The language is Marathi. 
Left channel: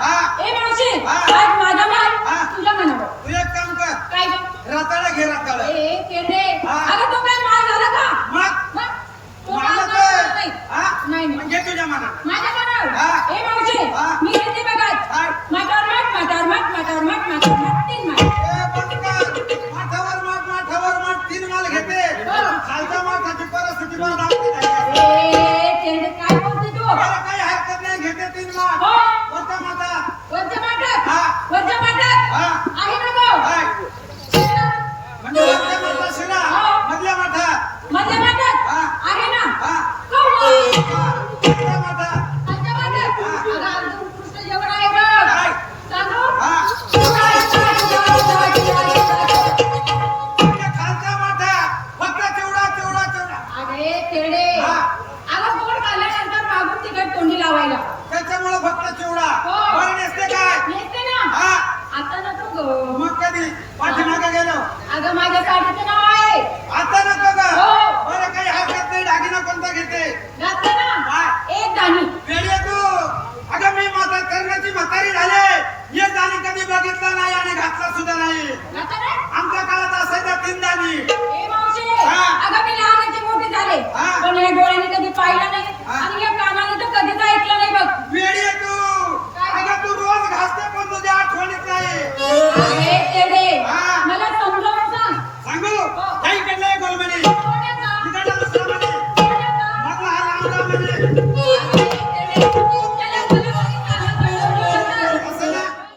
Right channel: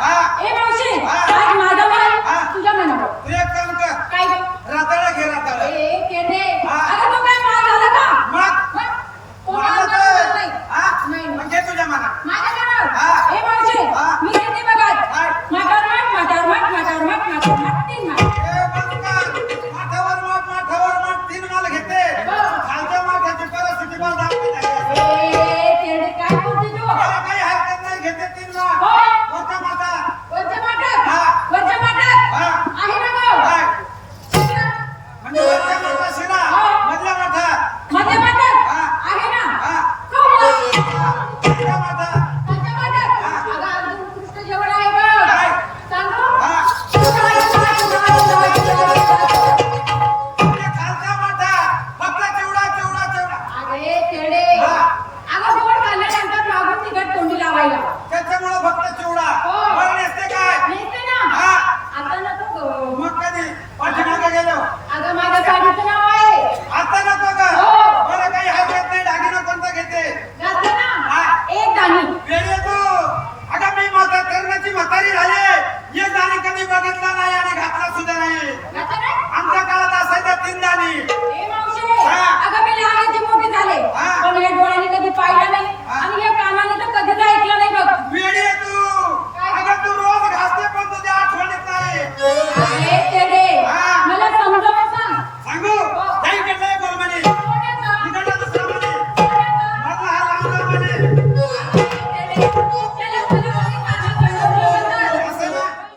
ए मावशी हा. आज माझा माल हा. तुझ्या मनावर. तू एक काम कर, काय ग? रताळा घे रताळा. ए केंद्रे हा. अगं तो काय माल झाला का? मग मग? तो माल मालच माझा आहे. नाही. हा? नाही, नाही. मग घे तुझ्या मना. माझ्या मनावर. हा. ए मावशी हा. मी किती बघत काय? माठावर माठ तीन माठ. ए बंद कर. माठावर माठ 3 माल घेते. हो. खालच्या माठाची परिस्थिती मला दाखवत आहे. ए केंद्रे काय बोलते तू? मला काही हरकत नाही, घेते 3 माठ. हो. कोणत्या माठात? वरच्या माठात? हा. वरच्या माठात? हा. आहे ना गं? काय? म्हणजे वरच्या माठात शिरा, हो. मधल्या माठात. मधल्या माठात? हा. आहे ना? हा. हो, मग. खालच्या माठात. खालच्या माठात? हा. अगं, आज उत्कृष्ट जेवण आहे बघ. काय? सांगू? हा. म्हणजे खालच्या माठात फक्त चिवडा. अरे तेडे. हा. अगं गोड खाल्ल्यानंतर मागून तिखट तोंडी लावायला. त्याच्यामुळे फक्त चिवडा. हो. बरं नसते काय? नेसते ना? हा. आता नको गं. मग कधी पाठीमागे गेलो? अगं माझ्या साडीचं नाव आहे. आता नको ग. हो. बरं काही हरकत नाही, दागिना कोणता घेते? घातलं ना? हा. एक दाणी. वेळी तू. अगं मी माझा करण्याची म्हातारी झाले, एक दाणी कधी बघितला नाही आणि घातला सुद्धा नाही. घातलं काय? आमच्या काळात असायचा 3 दाणी. ए मावशे. हा. अगं मी लहानाची मोठी झाले. हा. पण या डोळ्याने कधी पाहिलं नाही हा. आणि या कानाने तर कधीच ऐकलं नाही बघ. वेळी तू. काय? अगं तू रोज घासते पण तुझ्या आठवणीत नाही. अरे